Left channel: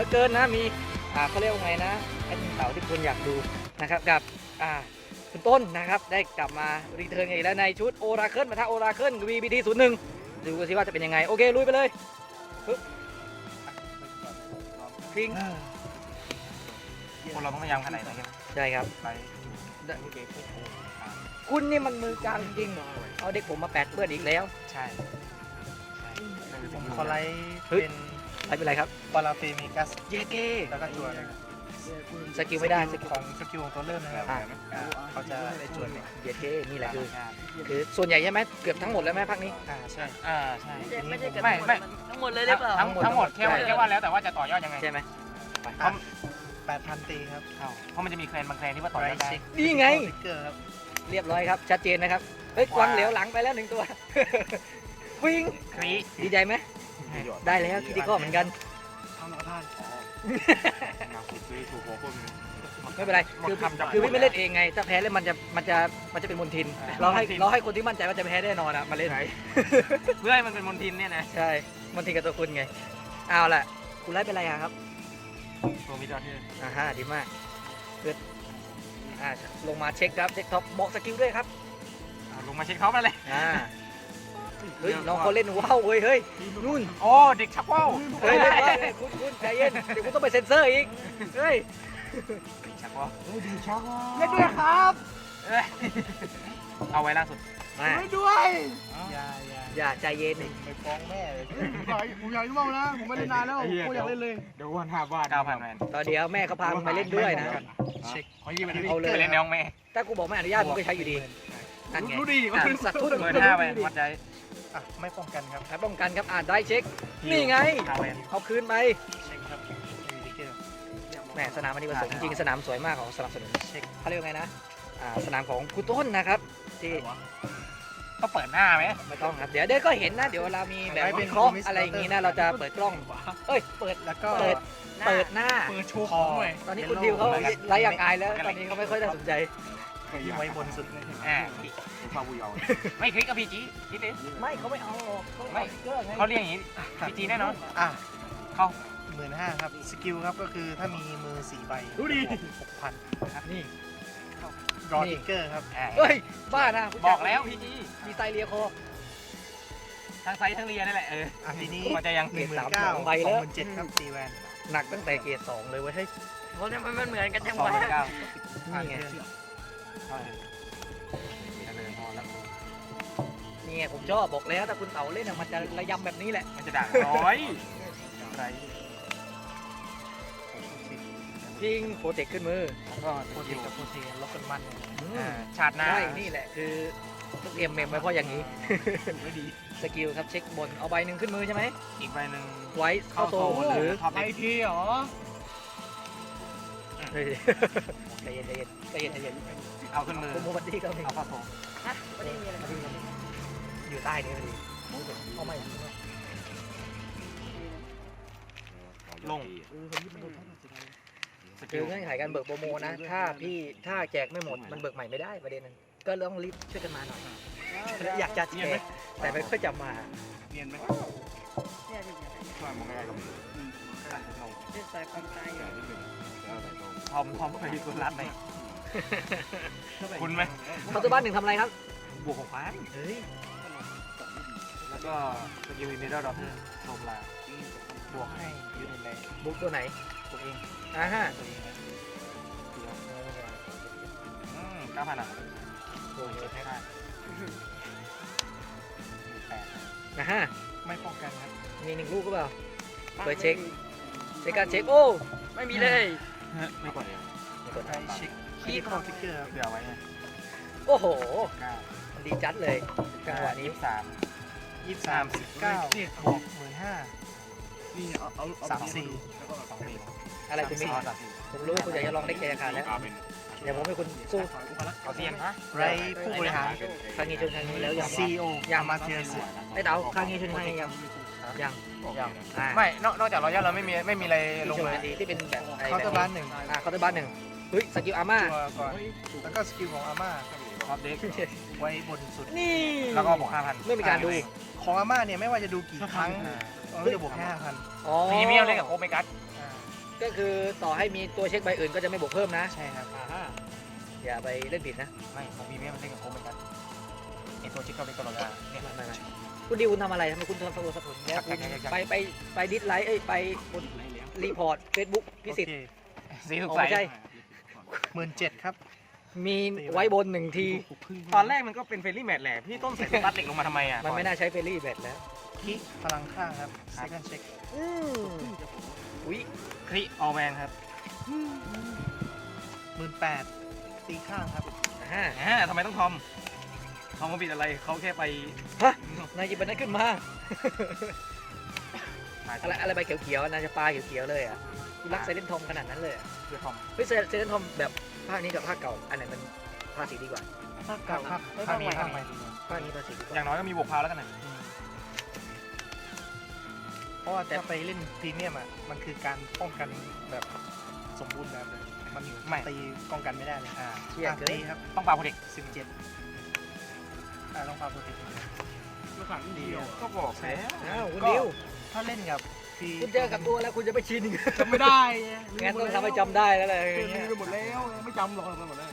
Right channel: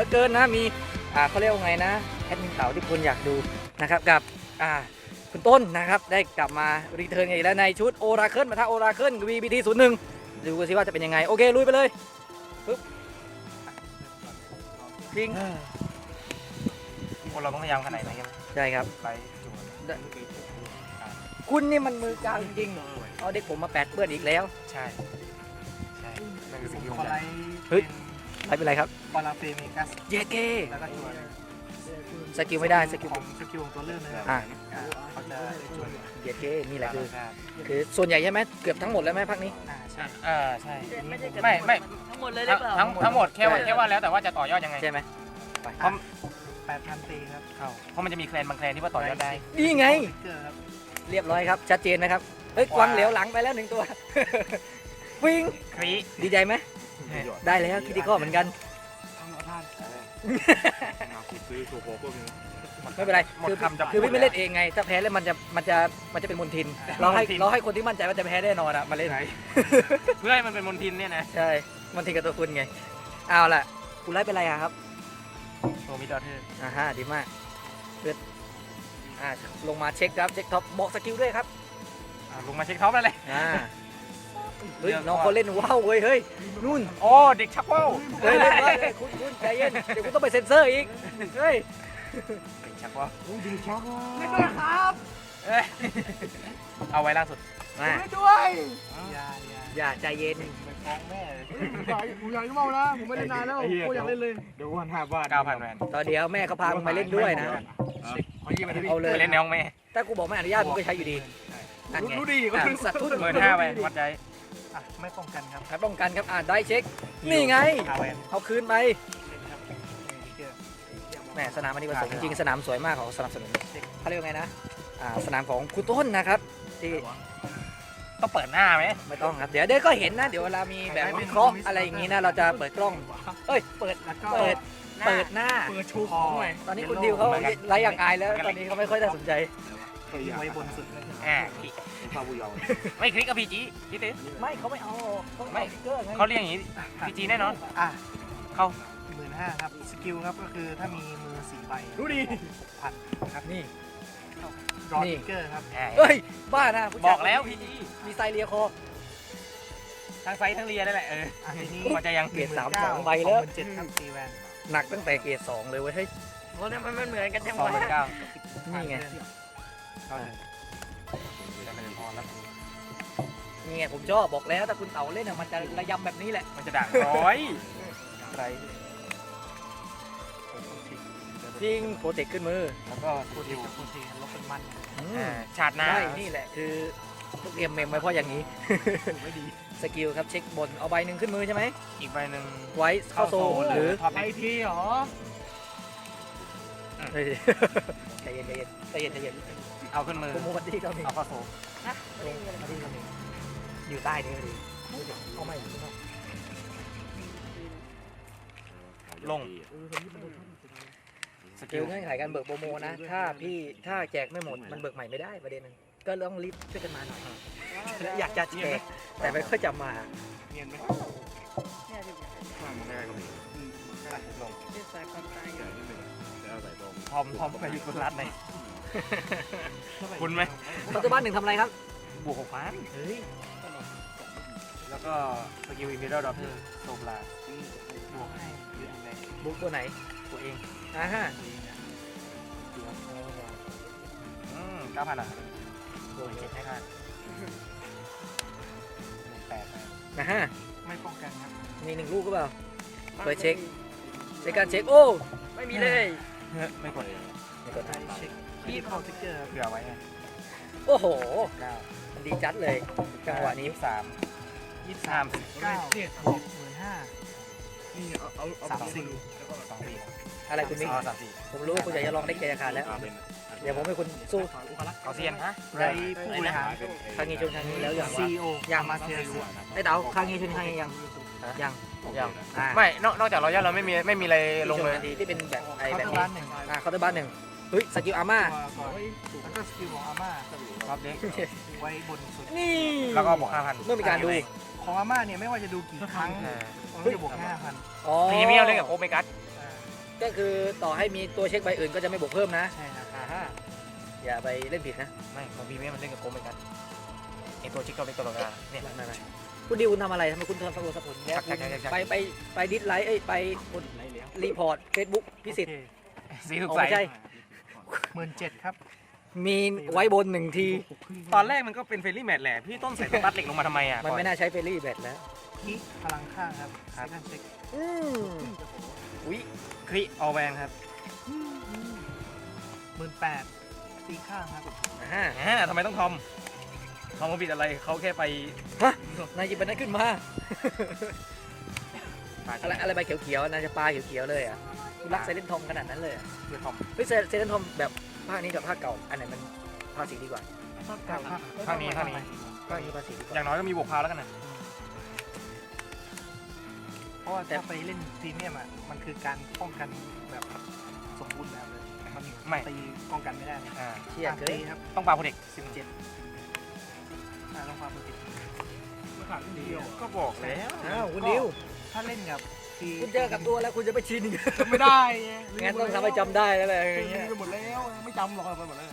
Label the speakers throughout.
Speaker 1: เกินนะมีเขาเรียกว่าไงนะแอดมินเต๋าที่คุณอยากดูนะครับกับคุณต้นนะครับได้กลับมารีเทิร์นอีกแล้วในชุดโอราเคิลปะทะโอราเคิล VBT01 ดูกันสิว่าจะเป็นยังไงโอเคลุยไปเลยปึ๊บยิง
Speaker 2: คนเราต้องพยายามขนาดไหนกัน
Speaker 1: ใช่ครับ
Speaker 2: ไป
Speaker 1: คุณนี่มันมือกาวจริงๆเอาเด็กผมมาแปดเพื่อนอีกแล้ว
Speaker 2: ใช่ผมคอไลท์
Speaker 1: เฮ้ย
Speaker 2: เป็น
Speaker 1: ไม่เป็นไรครับ
Speaker 2: ปาราเฟมิกัส
Speaker 1: เย้เก้
Speaker 2: แล้วก็ตัวอะไร
Speaker 1: สกิลไม่ได้สกิล
Speaker 2: ของสกิลของตัวเริ่มนะครับเขาจะได้ตัวเนี่ย
Speaker 1: เย้เก้นี่แหละคือส่วนใหญ่ใช่ไหมเกือบทั้งหมดแล้วไหมภาคนี้
Speaker 2: ใช่ใช่อันนี้ผม
Speaker 3: ไม่
Speaker 2: ไม่
Speaker 3: ทั้งหมดเลยได้เปล่า
Speaker 2: ทั้งหมดแค่ว่าแล้วแต่ว่าจะต่อยอดยังไง
Speaker 1: ใช่ไหม
Speaker 2: เพราะ8,000 ตีครับเพราะมันจะมีแคลนบางแคลนที่ว่าต่อยอดได้
Speaker 1: นี่ไง
Speaker 2: สติ๊กเกอร์ครับ
Speaker 1: เรียบร้อยครับชัดเจนนะครับเฮ้ยกวางเหลียวหลังไปแล้ว1ตัว วิ่ง
Speaker 2: ครี
Speaker 1: ดีใจไหมได้แล้วคิดดีก็เหมือนกันไม่เป็นไรคือพี่ไม่เล่นเองไงถ้าแพ้แล้วมันจะเป็นมลทินเราให้คนที่มั่นใจว่าจะแพ้แน่นอนอะมาเล่น
Speaker 2: เพื่อให้มันเป็นมลทินเนี่ยนะ
Speaker 1: ใช่มลทินกับตัวคุณไงเอาล่ะคุณไล่เป็นไรอะครับ
Speaker 2: ตัวมีดอทที่
Speaker 1: ฮะดีมากเกิดลงมาเช็คครับเช็คท็อปบอกสกิลด้วยครับ
Speaker 2: ลงมาเช็คเขาไปเลย
Speaker 1: เฮ้ยน้องเขาเล่นว้าวเว้ยเฮ้ยนู่น
Speaker 2: โอ้เด็กชักว่าว
Speaker 1: เฮ้ยเล่นว้าวคุณใจเย็นเดี๋ยวคุณต้องไปเซ็นเซอร์อีกเฮ้ย
Speaker 2: เด็กชักว่าว
Speaker 3: ดีช็อก
Speaker 1: เล่นด้วยครับ
Speaker 2: เอาไว้ล่าสุด
Speaker 3: ด้วย
Speaker 1: อย่าใจเย็น
Speaker 2: ไปฟ้องแม่
Speaker 3: ผมอยากเมานะผมไม่ได้นานแล้วผมอยากเล่นเลย
Speaker 2: เดี๋ยววัน5 บาท9,000แมน
Speaker 1: ตอนเดียวแม่เขาพามึงมาเล่นด้วยนะ
Speaker 2: เช็คเขายี่ไป
Speaker 1: เอาเลย
Speaker 2: เล่นในห้องแม่
Speaker 1: ถ้ากูบอกไม่อนุญาตมึงก็ใช้อยู่ดีนั่นไง
Speaker 3: รู้ดีว่าเป็นสัตว์
Speaker 2: 15,000ไปพอใจไม่ป้องกันครับ
Speaker 1: ครับป้องกันครับได้เช็คนี่ไง
Speaker 2: เอาไป
Speaker 1: เอาคืนไป
Speaker 2: เช็คครับมีติ๊กเกอร์
Speaker 1: แหมสนามอันนี้ประสงค์จริงๆสนามสวยมากของสนับสนุน
Speaker 2: เช็ค
Speaker 1: เขาเรียกว่าไงนะสนามของครูต้นนะครับที่
Speaker 2: ต้องเปิดหน้าไหม
Speaker 1: ไม่ต้องครับเดี๋ยวก็เห็นนะเดี๋ยวเวลามีแบบวิเคราะห์อะไรอย่างนี้นะเราจะเปิดกล้องเอ้ยเปิด
Speaker 2: แล้วก็
Speaker 1: เปิดหน้า
Speaker 3: เปิดโชว์ข
Speaker 2: พอ
Speaker 3: องหน่อย
Speaker 1: ตอนนี้คุณดิวเขาไร้อย่างอายแล้วตอนนี้เขาไม่ค่อยได้สนใจ
Speaker 2: ที่ไว้บนสุดไม่คลิกกับพีจีพี่ติ๊
Speaker 1: ไม่เขาไม่เอาไม่เชื่อไง
Speaker 2: เขาเรียกอย่างนี้พีจีแน่นอนเข้า15,000ครับสกิลครับก็คือถ้ามีมือ4 ใบ
Speaker 1: ดูดิ
Speaker 2: พันครับ
Speaker 1: นี่
Speaker 2: รอติ๊กเกอร์ครับ
Speaker 1: เฮ้ยบ้านะ
Speaker 2: บอกแล้วพีจี
Speaker 1: มีไซเรียโค
Speaker 2: ทั้งไฟทั้งเรียนั่นแหละทีนี้มันจะยัง
Speaker 1: เกรด3 2ใบแล้ว
Speaker 2: 7ครับตีแวน
Speaker 1: หนักตั้งแต่เกรด2เลยเว้ยเฮ้ย
Speaker 3: เพราะเนี่ยมันเหมือนกันจัง
Speaker 2: 2
Speaker 3: วะ
Speaker 2: 9
Speaker 1: นี่ไงนี่ไงผมชอบบอกแล้วถ้าคุณเต่าเล่นมันจะระยำแบบนี้แหละ
Speaker 2: มันจะด่างน้อยไร
Speaker 1: ยิงโปรเทคขึ้นมือ
Speaker 2: แล้วก็โคตรกับโคตรแล้วเป็นมัน
Speaker 1: อืม
Speaker 2: ชาติหน้า
Speaker 1: ใช่นี่แหละคือต้องเตรียมเมมไว้เพราะอย่างนี้ สกิลครับเช็คบนเอาใบหนึ่งขึ้นมือใช่ไหม
Speaker 2: อีกใบหนึ่ง
Speaker 1: ไว้เข้าโซหรือ
Speaker 3: ไปทีเหรอ
Speaker 1: เฮ้ยใจเย็นใจเย็นใจเย็นใจเย็น
Speaker 2: เอาขึ้นมือ
Speaker 1: คุณโมบัตตี้ก็มี
Speaker 2: เอาเข้าโซ่
Speaker 3: ไม่ได้มีอะไร
Speaker 1: อยู่ใต้ด้วยดิเอาไม่
Speaker 2: ลง
Speaker 1: สกิลเงื่อนไขการเบิกโปรโมนะถ้าแจกไม่หมดมันเบิกใหม่ไม่ได้ประเด็นนั้นก็ต้องรีบช่วยกันมาหน่อยอยากจะแจกแต่ไม่ค่อยจำมา
Speaker 2: เงียบไหม พร้อมไปอยู่ตรงร้านไหนคุณไหม
Speaker 1: ปัจจุบันหนึ่งทำอะไรครับ
Speaker 2: บวก6,000
Speaker 1: เฮ้ย
Speaker 2: แล้วก็สกิลอินเดอร์ดอทเตอร์โซมลาบวกให้ยืนใน
Speaker 1: บุ๊กตัวไหน
Speaker 2: ตัวเอง
Speaker 1: ฮะ
Speaker 2: 9,000หรอโซมเช็คให้ได้8
Speaker 1: ฮะ
Speaker 2: ไม่ป้องกันครับ
Speaker 1: มี1 ลูกก็เปล่าเปิดเช็คการเช็คโอ้
Speaker 3: ไม่มีเลย
Speaker 2: ไม่กดเองเช็คที่คอมพิวเตอร์เผื่อไว้เลย
Speaker 1: โอ้โห
Speaker 2: ได้
Speaker 1: มันดีจัดเลยจังหวะนี้
Speaker 2: 23 19บวก15
Speaker 3: นี่เอา
Speaker 2: 34
Speaker 1: อะไรคุณมิก
Speaker 2: 34
Speaker 1: ผมรู้ว่าคุณอยากจะลองเล็กใจอาคารแล้วเดี๋ยวผมให้คุณสู้
Speaker 2: เอาเซียนไรผู้บริหาร
Speaker 1: ครั้งนี้ชนครั้งนี้แล้วยัง
Speaker 2: CEO
Speaker 1: ยัง
Speaker 2: มาเซียน
Speaker 1: ไอ้เต๋าครั้งนี้ชนครั้งนี้ยัง
Speaker 2: ไม่นอกจากรอยย่าเราไม่มีอะไรล
Speaker 1: ล
Speaker 2: ง
Speaker 1: ง
Speaker 2: เล
Speaker 1: มาย ดีที่เป็นแบบไอ้
Speaker 2: เคาน์
Speaker 1: แบ
Speaker 2: เตอบ ร์บ้าน
Speaker 1: นี้
Speaker 2: 1
Speaker 1: เคาน์เตอร์บ้าน1เฮ้ยสกิลอาม่า
Speaker 2: แล้วก็สกิลของอาม่ารับเด็กไว้บนสุด
Speaker 1: นี่
Speaker 2: แล้วก็บวก 5,000
Speaker 1: เริ่มมีการดู
Speaker 2: ของอาม่าเนี่ยไม่ว่าจะดูกี่ครั้งต้องจะบวก 5,000
Speaker 1: อ๋อ
Speaker 2: พรีเมียมเลยกับโอเมกัส
Speaker 1: ก็คือต่อให้มีตัวเช็คใบอื่นก็จะไม่บวกเพิ่มนะ
Speaker 2: ใช่ครับ
Speaker 1: ฮะอย่าไปเล่นผิดนะ
Speaker 2: ไม่มันมีเนี้ยมันเล่นกับผมเหมือนกันไอตัวชิคก็เป็นตลอดเนี่ย
Speaker 1: ไม่คุณดิวคุณทำอะไรทำไมคุณทำฟังโลสะพลแล้วคุณไปดิสไลค์ไปรีพอร์ตเฟซบุ๊กพิสิทธิ์
Speaker 2: สีสุก
Speaker 1: อ๋อ
Speaker 2: ใส
Speaker 1: ไม่ใช่
Speaker 2: 17,000ครับ
Speaker 1: มีไว้บนหนึ่งที
Speaker 2: ตอนแรกมันก็เป็นเฟรนลี่แมทแหละพี่ต้นใส่สตัดเหล็กลงมาทำไมอ่ะ
Speaker 1: มันไม่น่าใช้เฟรนลี่แบตแล้ว
Speaker 2: คิกพลังข้างครับสายกันเช็ค
Speaker 1: อุ้ย
Speaker 2: คริออแวนครับ18,000ตีข้างครับทำไมต้องทอมเขาผิดอะไรเขาแค่ไป
Speaker 1: ฮะนายหยิบไปนั้นขึ้นมา อะไรใบเขียวๆนายจะปลาเขียวๆเลยอ่ะคุณรักเซเลนทอมขนาดนั้นเลยอ่ะ
Speaker 2: คือทอม
Speaker 1: เฮ้ยเซเลนทอมแบบภาคนี้กับภาคเก่าอันไหนมันภาคสีดีกว่า
Speaker 2: ข้างนี้
Speaker 1: ภาคนี้ภาคสีดีก
Speaker 2: อ
Speaker 1: ว่า
Speaker 2: ย่างน้อยก็มีบวกพาวแล้วกันนะเพราะว่าถ้าไปเล่นพรีเมียมอ่ะมันคือการป้องกันแบบสมบูรณ์แบบมันไม่ตีป้องกันไม่ได้เลย
Speaker 1: เที่ยงเกิน
Speaker 2: ตีครับต้องปาโปรเทค17ต้องปาโปรเทค
Speaker 3: มาขาดนิดเดียว
Speaker 2: ก็บอกแล้ว
Speaker 1: อ้าวคุณดิว
Speaker 2: ถ้าเล่นกับที
Speaker 1: คุณเจอกับตัวแล้วคุณจะไปชินอีก
Speaker 3: จำไม่ได้ไง
Speaker 1: งั้นต้องทำให้จำได้แล้วเลย
Speaker 3: ลืมไปหมดแล้วไม่จำหรอกไปหมดแล้ว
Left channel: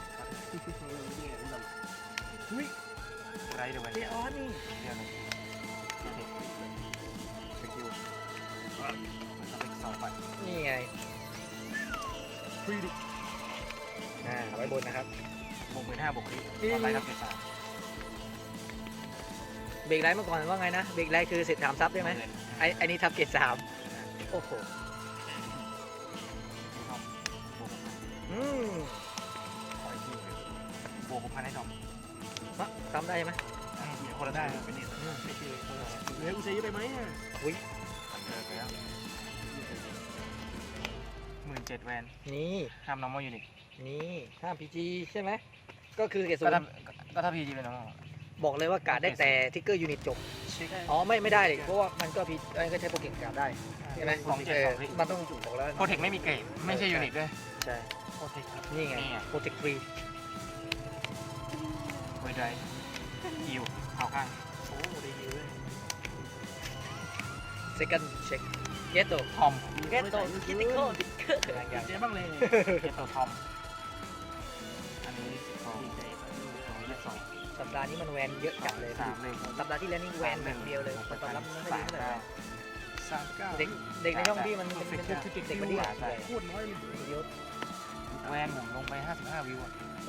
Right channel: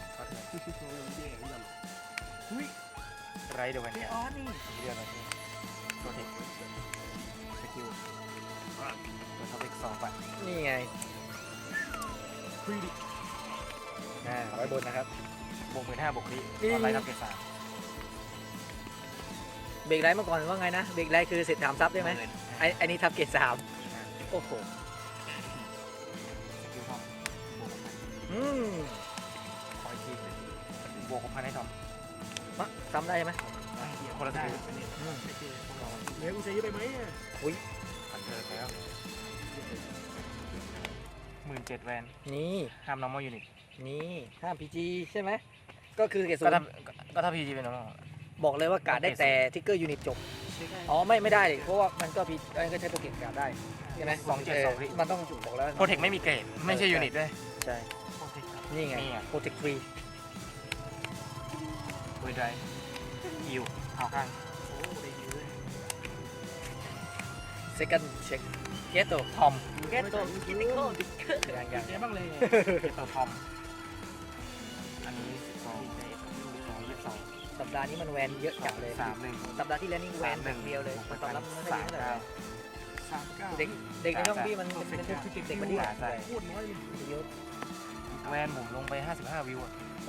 Speaker 2: ไรเดี๋ยวมัน
Speaker 1: เดออน
Speaker 2: เรื่องอะไรโปรเทคสกิลโปรเทค2ฝั่ง
Speaker 1: นี่ไงไว้บนนะครับ
Speaker 2: บวก15บวกนี้อะไรทำเป็น3
Speaker 1: เบรกไลท์เมื่อก่อนว่าไงนะเบรกไลท์คือเสร็จถามซับได้ไหมไอ้นี่ทับเกรด3โอ้โหอืม
Speaker 2: บวก6,000ให้ทอม
Speaker 1: ซ้ำได้ไหม
Speaker 2: คนละได้
Speaker 3: เหลือกูเสียไปไหม
Speaker 2: 17,000 แวน
Speaker 1: นี่
Speaker 2: ห้าม normal unit
Speaker 1: นี่ห้ามพีจีใช่ไหมก็คือเกรดศู
Speaker 2: ก็
Speaker 1: น
Speaker 2: ถ้า
Speaker 1: ย์
Speaker 2: ก็ถ้า PG เป็น normal
Speaker 1: บอกเลยว่ากาดได้แต่ทิกเกอร์ยูนิตจบอ๋อไม่ได้เลยเพราะว่ามันก็พีก็ใช้โปรเทคการ์ดได้
Speaker 2: ใช่ไหม272พี่
Speaker 1: มันต้องบอกแล้ว
Speaker 2: โปรเทคไม่มีเกรดไม่ใช่ยูนิตด้วย
Speaker 1: ใช่
Speaker 2: โปรเทค
Speaker 1: นี่ไง
Speaker 2: นี่ไง
Speaker 1: โปรเทคฟรี
Speaker 2: มือไดฮิวเอาข้างโอ้ได้ฮิว
Speaker 1: เซคันด์เช็คเกตโต
Speaker 2: ทอม
Speaker 1: เกตโตคิติคอล
Speaker 3: เจ๊บ้างเลย
Speaker 2: เจ็บตัวทอมอันนี้2
Speaker 1: สัปดาห์นี้มันแวนเยอะจัดเลย
Speaker 2: 3เลย
Speaker 1: สัปดาห์ที่แล้วนี่แวนแบบเดียวเลยคนตอบรับไม่ค่อยดีเท่าไหร่
Speaker 2: 39
Speaker 1: เด็กในช่องพี่มันเป็นเด็กมันดีอ่ะ
Speaker 3: พูดน้อย
Speaker 1: เยอะ
Speaker 2: แวนหมุนลงไป55วิว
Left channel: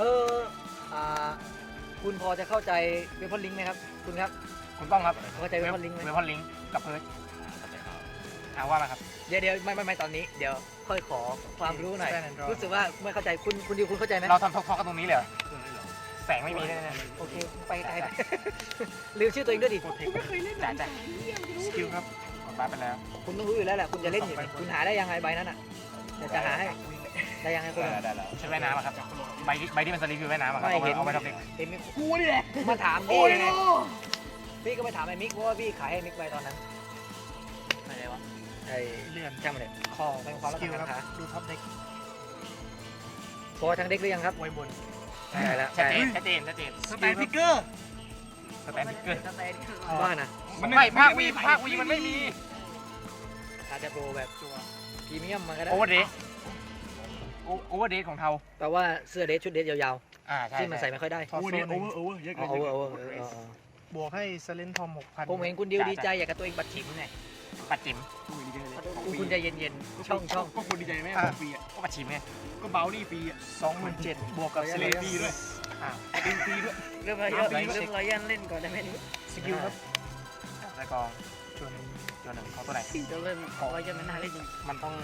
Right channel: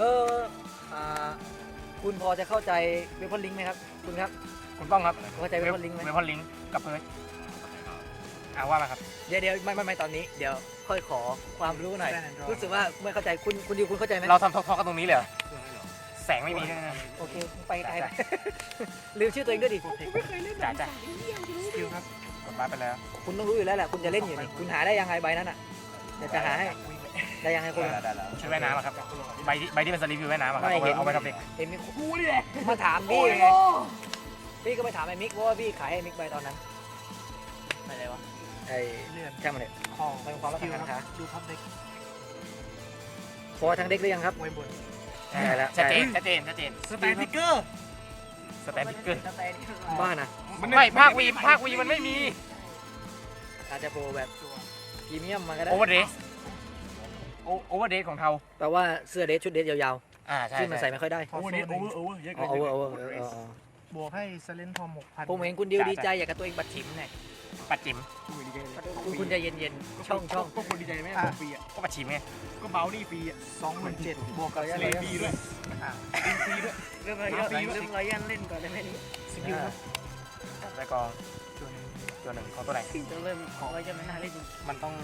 Speaker 1: คุณพอจะเข้าใจเวพอนลิงไหมครับคุณครับ
Speaker 2: ถูกต้องครับ
Speaker 1: เข้าใจเวพอนลิงไหม
Speaker 2: เวพอนลิงกับเพิร์ดว่ามาครับ
Speaker 1: เดี๋ยวไม่ตอนนี้เดี๋ยวค่อยขอความรู้หน่อย
Speaker 2: แน่นอน
Speaker 1: รู้สึกว่าไม่เข้าใจคุณดิวคุณเข้าใจไหม
Speaker 2: เราทำทอกกันตรงนี้เลยแสงไม่มีแน่
Speaker 1: โอเคไปไกลลืมชื่อตัวเองด้วยดิ
Speaker 2: โปรเทคจ่ายสกิลครับผมรับไปแล้ว
Speaker 1: คุณต้องรู้อยู่แล้วแหละคุณจะเล่นอยู่นี่คุณหาได้ยังไงใบนั้นอ่ะเดี๋ยวจะหาให้ได้ยังไงคุณ
Speaker 2: ได้แล้วใช้ว่ายน้ำครับใบที่มันสลิปอยู่ว่ายน้ำครับเอาไปทำเด็ก
Speaker 1: เห็นมิก
Speaker 3: กูนี่แหละ
Speaker 1: มาถาม
Speaker 3: โอ้
Speaker 1: พี่
Speaker 3: ย
Speaker 1: ไงพี่ก็ไปถามไอ้มิกว่าพี่ขายให้มิกไปตอนนั้นอะไรวะไอ้
Speaker 2: เลื่อน
Speaker 1: จำเลย
Speaker 2: คอ
Speaker 1: เป็นความ
Speaker 2: ส
Speaker 1: รัก
Speaker 2: กิล
Speaker 1: ของ
Speaker 2: ครั
Speaker 1: เขา
Speaker 2: บดูท็อปเด็ก
Speaker 1: พอทั้งเด็กหรือยังครับ
Speaker 2: ไว้บน
Speaker 1: ได้แล้ว
Speaker 2: ชัดเจน
Speaker 3: สแตนฟิกเกอร์
Speaker 2: สแตนพิกเกอร์
Speaker 1: บ้านะ
Speaker 2: ไม่ภาควีมันไม่มี
Speaker 1: อาจจะโปรแบบพรีเมียมมาก็ได้
Speaker 2: โอเวอร์เดสโอเวอร์เดสของเทา
Speaker 1: แปลว่าเสื้อเดทชุดเดทยาว
Speaker 2: ใช่
Speaker 1: ๆที่มันใส่ไม่ค่อยได้
Speaker 3: โอเวอร์เยอะ
Speaker 1: เอาเอา
Speaker 2: บวกให้เซเลนทอม 6,000
Speaker 1: ผมเห็นคุณดิวดีใจอยากกับตัวเองบัดฉิมเนี่ย
Speaker 2: ปัดจิ๋ม
Speaker 1: คุณใจเย็นๆช่อง
Speaker 3: ก็คนดีใจไหมปีอ่ะ
Speaker 2: ก็ปัดจิ๋มไง
Speaker 3: ก็เบานี่ปีอ่ะ
Speaker 2: 27,000บวกกับเซเลนทีด้วย
Speaker 1: เริ่มรยันเล่นก่อนได้ไหม
Speaker 2: สกิลครับแล้วก็ตัวหนึ่งเขาตัวไหน
Speaker 1: จะเริ่มขอไว้จะไม่น่าเล่น
Speaker 2: มันต้อง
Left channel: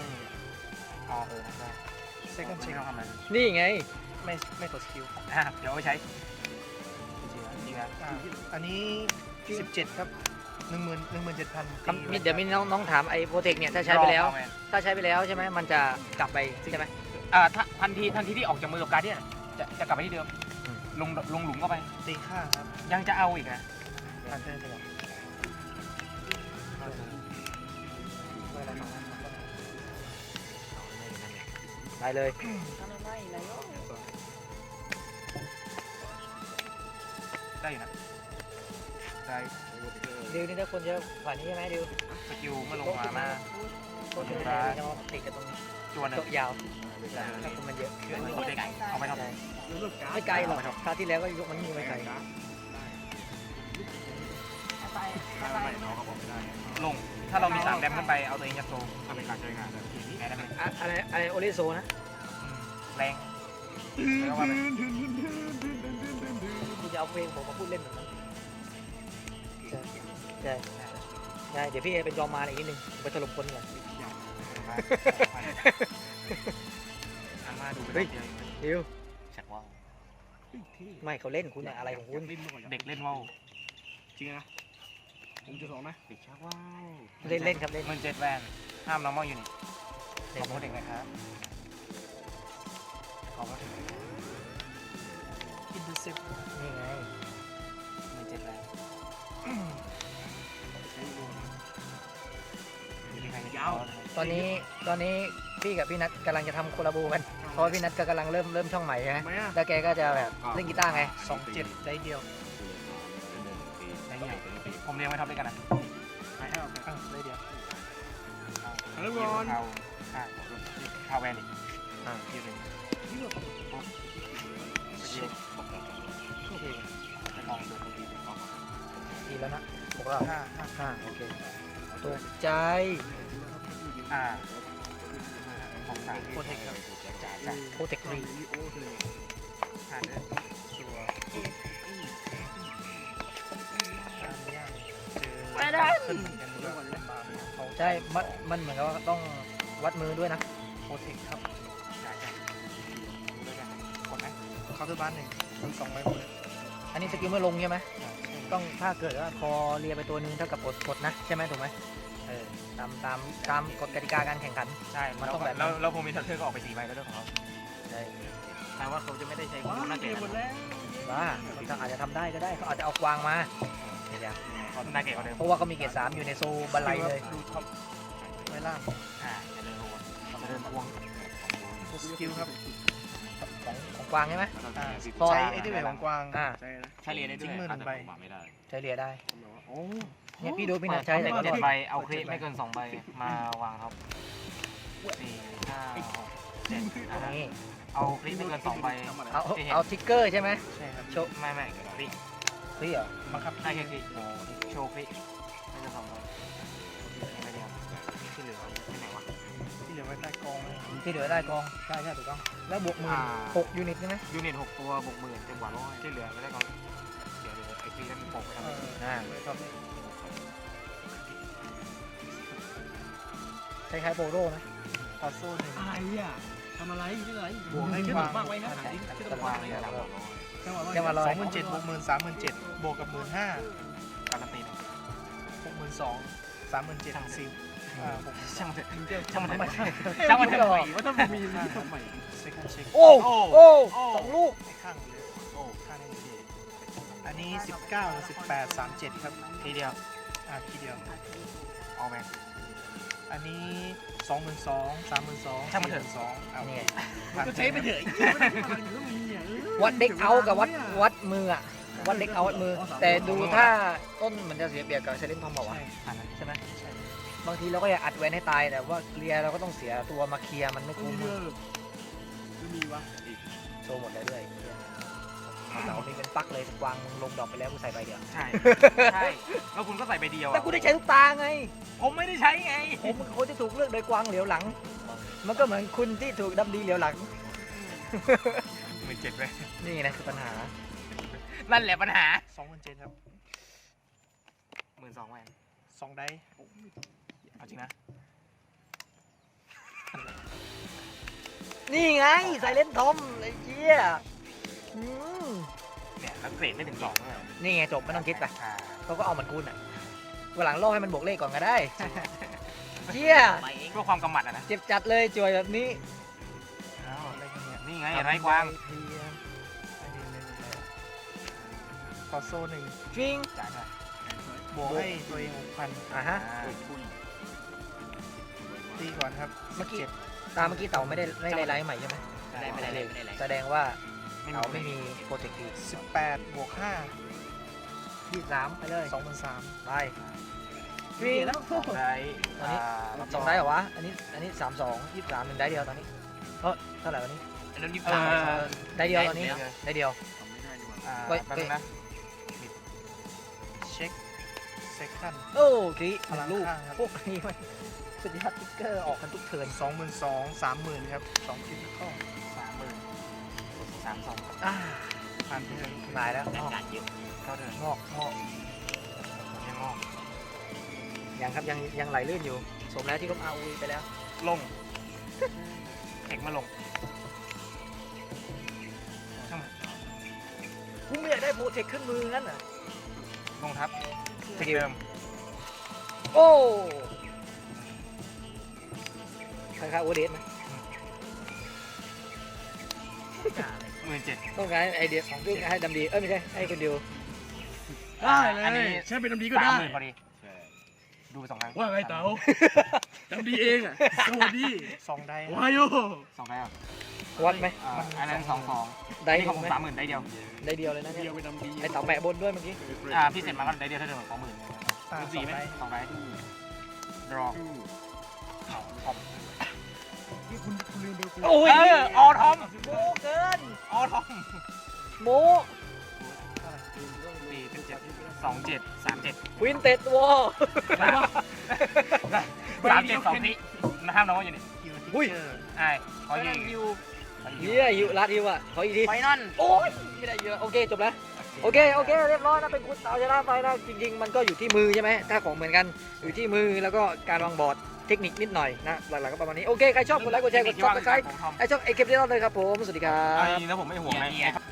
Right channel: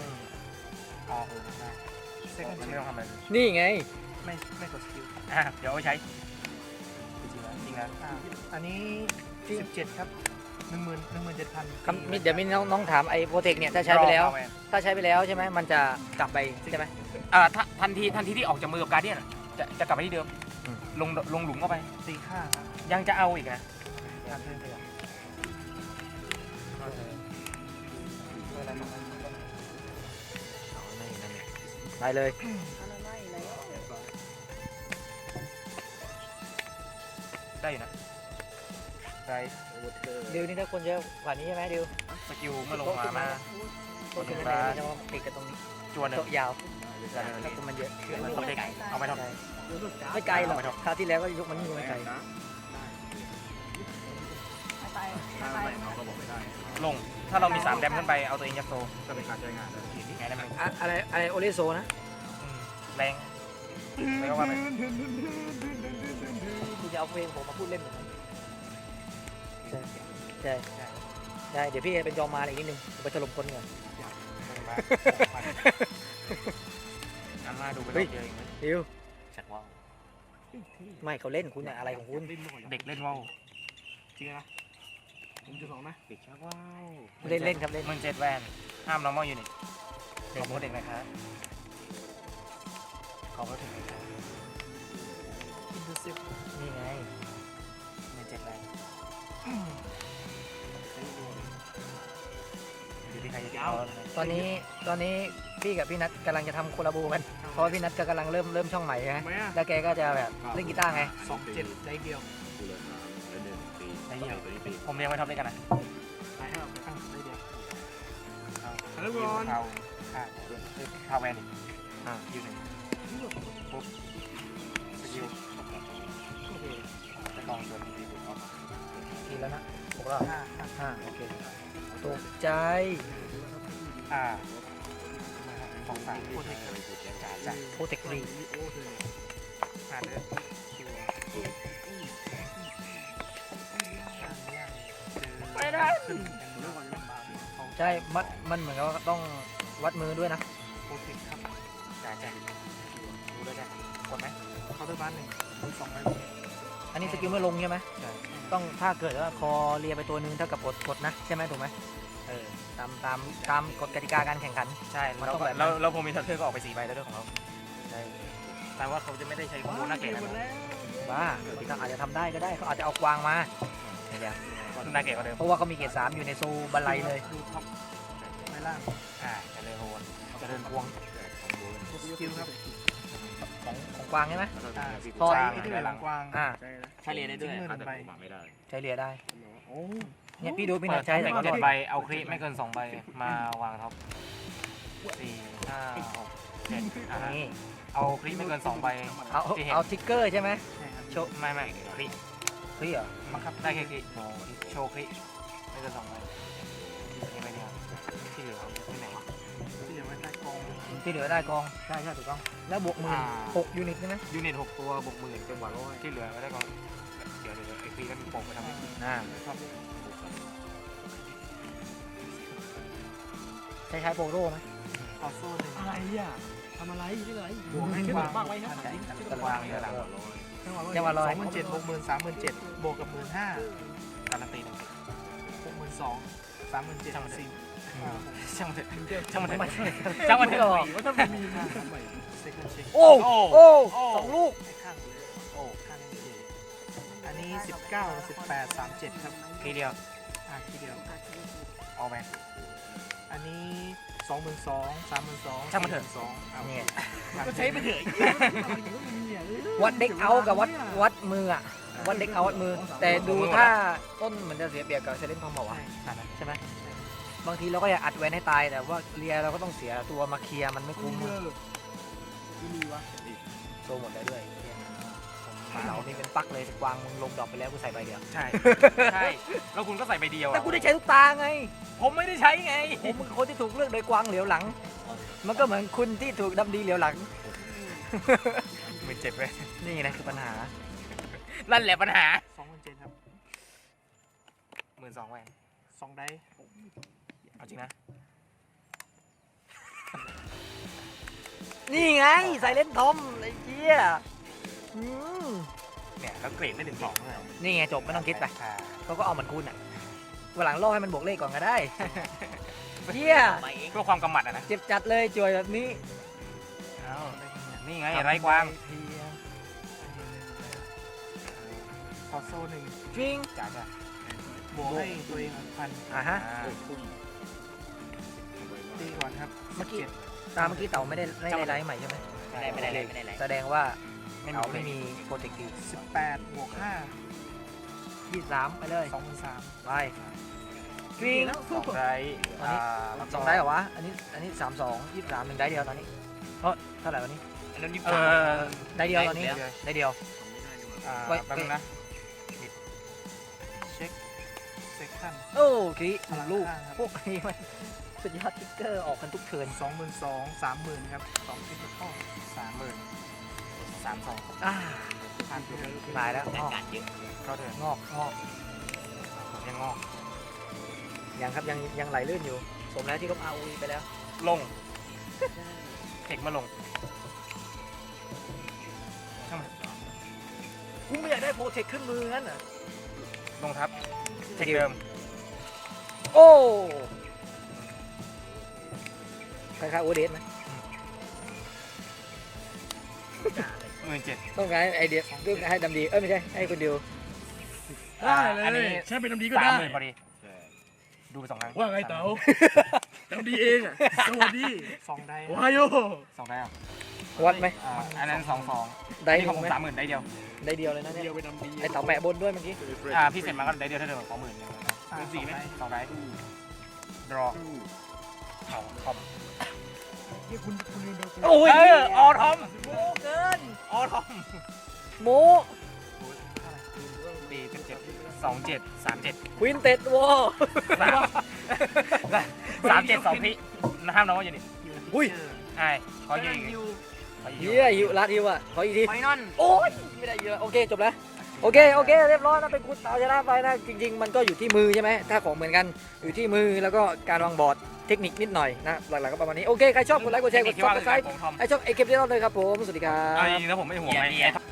Speaker 2: เซคันด์เช็คเราทำอะไร
Speaker 1: นี่ไง
Speaker 2: ไม่กดสกิลเดี๋ยวเอาไปใช้จริงๆแล้วอันนี้17ครับ17,000
Speaker 1: เดี๋ยวมีน้องถามไอ้โปรเทคเนี่ยถ้าใช้ไปแล้วใช่ไหมมันจะกลับไปใช่ไหม
Speaker 2: ทันทีที่ออกจากมือกับการเดียนจะกลับไปที่เดิมลงหลุมเข้าไปตีข้างยังจะเอาอีกนะเพิ่มไปหรอ
Speaker 1: ได้เลย
Speaker 2: ได้อยู่นะได้
Speaker 1: ดิวนี่ถ้าคนเยอะกว่านี้ใช่ไหมดิว
Speaker 2: สกิลเมื่อลงมา
Speaker 1: ก็คือแล้วจะมาติดกับตรงนี้
Speaker 2: จวนหนึ่
Speaker 1: โต๊ะ
Speaker 2: ง
Speaker 1: ยาวถ้าคุณมันเยอะ
Speaker 2: ตัวเด็กเอาไปทำอะไร
Speaker 1: ไม่ไกลหรอกคราวที่แล้วก็ยกมันไม่ไกล
Speaker 2: ลง ถ้าเรามี3แดมขึ้นไปเอาตัวเองยัดโซ
Speaker 4: ถ้าเป็นการใช้งานนะ
Speaker 2: ไงได้ไหม
Speaker 1: อะไรโอริโซนะ
Speaker 2: แรงไม่ว่าไป
Speaker 1: คุณจะเอาเพลงผมมาพูดเล่นเหมือนกันได้ได้เดี๋ยวพี่เป็นจอมมาอีกนิดนึงไปถล่มคนก่อน
Speaker 2: อาม่าดูเป็นเดียว
Speaker 1: ดิว
Speaker 2: ชักว่า
Speaker 1: ไม่เขาเล่นคุณอะไรของคุณ
Speaker 2: เด็กเล่นว่าว
Speaker 4: จริงนะผมจะสองนะเด็กชักว้าว
Speaker 1: เล่นครับเล่น
Speaker 2: มัน7แวนห้ามน้องมออยู่นี่เด็กเมื่อเด็กนะครับขอไม่ถึงอินดูซิฟ
Speaker 1: นี่ไง
Speaker 2: มัน7แวนอยู่ที่ใครจะเอา
Speaker 1: ตอนนี้พี่กับพี่นัทกำลังจะทำโคลาโบกันเพราะว่าพี่นัทก็กำลังเริ่มช่องใหม่ใช่ไหมแล้วแกก็จะแบบเล่นกีตาร์ไง
Speaker 2: 27ได้เดียวได้เดียวผมเรียงไว้ท็อปด้วยกันนะได้เดียว
Speaker 3: แล้วบอล
Speaker 2: พาแวนอีกยืนหนึ่งปุ๊บยืนจะต้องตัว
Speaker 1: ทีแล้วนะบอกเราโอเคตกใจ
Speaker 2: ของฝากโคตรเทคจ้า
Speaker 1: โคเทครี
Speaker 2: หาเดินคิว
Speaker 1: ใช่มันเหมือนกับว่าต้องวัดมือด้วยนะ
Speaker 2: โคตรเทคครับจ่ายกันดูด้วยกันกดไหมเข้าทุกบ้านหนึ่งคุย2
Speaker 1: อันนี้สกิลไม่ลงใช่ไหมต้องถ้าเกิดว่าคอเรียไปตัวนึงเท่ากับกดนะใช่ไหมถูกไหมตามกฎกติกาการแข่งขัน
Speaker 2: ใช่
Speaker 1: มันต้องแบบนั้น
Speaker 2: แล้วผมมีทัพเทอร์ก็ออกไป4 ใบแล้วด้วยของเขา
Speaker 1: ใช่
Speaker 2: แต่ว่าเขาจะไม่ได้ใช้
Speaker 3: ว้า
Speaker 2: หน้าเก
Speaker 3: เก่ง
Speaker 2: ต
Speaker 3: หมดแล้ว
Speaker 1: บ้าเขาอาจจะทำได้ก็ได้เขาอาจจะเอากวางมาเดี๋ยว
Speaker 2: หน้าเกตเขาเดิม
Speaker 1: เพราะว่าเขามีเกรด3อยู่ในโซบันไลเลย
Speaker 2: ไม่ล่างจะเดินโวนจะเดินพวงสกิลครับ
Speaker 1: ของกวางใช่ไหม
Speaker 2: ใช้ไอ้ที่เป็นหลังกวาง
Speaker 4: ใช่เลย
Speaker 2: เฉลี่ยได้ด้วย
Speaker 4: ถ้าแต่ผมไม่ได้
Speaker 1: ใช้เรียได้
Speaker 3: โอ้
Speaker 1: เนี่ยพี่ดูพี่นัทใช้แต่ก็รอด
Speaker 2: 7 ใบเอาคลิปไม่เกิน2 ใบมาวางท็อป4 5 6 7
Speaker 1: นี่
Speaker 2: เอาคลิปไม่เกิน2 ใบ
Speaker 1: เอาทิกเกอร์ใช่ไหม
Speaker 2: โชว์ไม่คลิป
Speaker 1: เฮ้ยเหรอ
Speaker 2: บังคับได้แค่คลิปโชว์คลิปไม่เกิน2 ใบไม่ได้ที่เหลือที่ไหนวะที่เหลือไม่ได้กอง
Speaker 1: ที่เหลือได้กองใช่ถูกต้องแล้วบวก16ยูนิตใช่ไหม
Speaker 2: ยูนิต6 ตัวบวก10,000จังหวะร้อยที่เหลือไม่ได้กันเดี๋ยวไอ้คลิปแล้วมีปกครับ
Speaker 1: ใช้โปโรไหม
Speaker 2: ต่อสู้หนึ่ง
Speaker 3: อะไรอ่ะทำอะไรที่ไหน
Speaker 2: บวกให้
Speaker 3: ที่
Speaker 2: ฟั
Speaker 3: บ
Speaker 2: ง
Speaker 3: อกบ้างไว้นะ
Speaker 1: กำลัง
Speaker 3: จังหวะ
Speaker 1: ยังมาลอย
Speaker 2: 27,000บวก17,000บวกกับ15,000การันตี62,000 37,000ทั้ง4ช่างมันเถอะช่างมันเถอะ จังหวะเถอะ
Speaker 3: ว่าถ้ามีทำไม
Speaker 2: เซ็กเช็ค
Speaker 1: โอ้2 ลูก
Speaker 2: ข้างเลยโอ้ข้างนี้เลยอันนี้19 18 37ครับทีเดียวทีเดียวเอาไหมอันนี้22,000 32,000ช่างมันเถอะ2
Speaker 3: ก็ใช้ไปเถอะ
Speaker 1: วัดเด็กเอากับวัดมืออะวัดเด็กเอาวัดมือ แต่ดูถ้าต้นมันจะเสียเปรียบกับเซเลนทอมบอกว่าใช่ไหมบางทีเราก็อยากอัดแวนให้ตายแต่ว่าเคลียร์เราก็ต้องเสียตัวมาเคลียร์มันไม่คุ้ม
Speaker 3: ไม่มีวะ
Speaker 1: โตหมดแล้วด้วยเรามีเป็นปักเลยกวางมึงลงดอกไปแล้วกูใส่ใบเดียว
Speaker 2: ใช่แล้วคุณก็ใส่ใบเดียว
Speaker 1: แต่กูได้ใช้ทุกตาไง
Speaker 2: ผมไม่ได้ใช้ไง
Speaker 1: ผมเป็นคนที่ถูกเลือกโดยกวางเหลียวหลัง มันก็เหมือนคุณที่ถูกดำดีเหลียวหลัง
Speaker 2: 17ไป
Speaker 1: นี่นะคือปัญหา
Speaker 2: นั่นแหละปัญหา2,700ครับ12,000แหวน2ได้เอาจริงนะ
Speaker 1: นี่ไงใส่เล่นทอมไอ้เจี๊ยอืม
Speaker 2: เนี่ยแล้วเกรดได้ถึง2เลย
Speaker 1: นี่ไงจบไม่ต้องคิดไปเขาก็เอามันคุณอ่ะวันหลังล่อให้มันบวกเลขก่อนก็ได้เจี๊ย
Speaker 2: เพื่อความกำหมัดอะนะ
Speaker 1: เจ็บจัดเลยจวยแบบนี้
Speaker 2: นี่ไงไรกวางต่อโซ่หนึ่ง
Speaker 1: จริง
Speaker 2: จ่ายจ้ะบวกให้ตัวเอง1,000
Speaker 1: อ่ะฮะ
Speaker 2: ตีก่อนครับ
Speaker 1: เมื่อกี้ตามเมื่อกี้เต่าไม่ได้ไลฟ์ใหม่ใช่ไหม
Speaker 2: ไม่ได้เลย
Speaker 1: แสดงว่าเต่าไม่มีโปรเจกต์
Speaker 2: 18บวก5
Speaker 1: 23ไปเลย
Speaker 2: 23,000
Speaker 1: ไป
Speaker 2: ต
Speaker 1: นี่
Speaker 2: แล้วได้
Speaker 1: ตอนนี้สองได้เหรอวะ อันนี้32 23 1ได้เดียวตอนนี้เท่าไหร่วันนี้
Speaker 2: อันนั้นยี่สิบ
Speaker 1: ได้เดียวตอนนี้ได้เดียว ไว้
Speaker 2: แป๊บนึงนะเช็คขั้น
Speaker 1: โอ้คลิหนึ่งลูกพวกนี้มันสุดยอดติ๊กเกอร์ออกกันทุกเทิร์น
Speaker 2: 22,000 30,000ครับ2ชิ้นก็30,000 32,000
Speaker 1: อ่า
Speaker 2: ผ่านทุกอย่าง
Speaker 1: ตายแล้วงอก
Speaker 2: เข้าเดิน
Speaker 1: งอก
Speaker 2: ยังงอก
Speaker 1: ยังครับยังไหลลื่นอยู่สมแล้วที่ลบ ROE ไปแล้ว
Speaker 2: ลงเทคมาลง
Speaker 1: กูไม่อยากได้โปรเทคขึ้นมืองั้นเหรอ
Speaker 2: ลงครับเทคเดิม
Speaker 1: โอ้ข้างๆโอเดสนะ
Speaker 2: 17,000
Speaker 1: ต้องการไอเดียต้องให้ดำดีไม่ใช่ให้คนเดียว
Speaker 3: ได้เล
Speaker 2: อันนี้
Speaker 3: ยใช้เป็นน้ำดีก็ได้
Speaker 2: 30,000พอดีดูไป2ครั้ง
Speaker 3: ว่าไงเต๋าน้ำดีเองอ่ะสวัสดี
Speaker 2: 2ได้
Speaker 3: วายโย
Speaker 2: 2ได้อ่ะ
Speaker 1: วัดไหม
Speaker 2: อันนั้น2
Speaker 1: ได้
Speaker 2: นี่ของผม
Speaker 1: ไหม
Speaker 2: 30,000ได้เดียว
Speaker 1: ได้เดียวเลยนะเนี่ย
Speaker 3: เดียวไปน้ำดี
Speaker 1: ไอเต่าแปะบนด้วยเมื่อกี้
Speaker 2: พี่เสร็จมาก็ได้เดียวเท่าเดิม20,000 4ไหม2ได้ดรอ
Speaker 1: โอ้ย
Speaker 2: ออทอม
Speaker 1: โมเกิน
Speaker 2: ออทอม
Speaker 1: โม
Speaker 2: 27 37
Speaker 1: ควินเต็ดวอ
Speaker 2: 37 2พิห้ามน้องอยู่นี่
Speaker 1: อุ้ย
Speaker 2: ใช่เขาอยู่
Speaker 1: เฮียฮิวรัดฮิวอ่ะขออีกที
Speaker 2: ไฟนอล
Speaker 1: โอ้ยไม่ได้เยอะโอเคจบแล้วโอเคเรียบร้อยนะเป็นคุณเต่าชนะไปนะจริงๆมันก็อยู่ที่มือใช่ไหมถ้าของเหมือนกันอยู่ที่มือแล้วก็การวางบอร์ดเทคนิคนิดหน่อยนะหลักๆก็ประมาณนี้โอเคใครชอบกดไลค์กดแชร์กดซับสไครต์ใครชอบไอคลิปนี้เราเลยครับผมสวัสดีครับ
Speaker 2: ไอ้นี่นะผมไม่ห่วงไอ้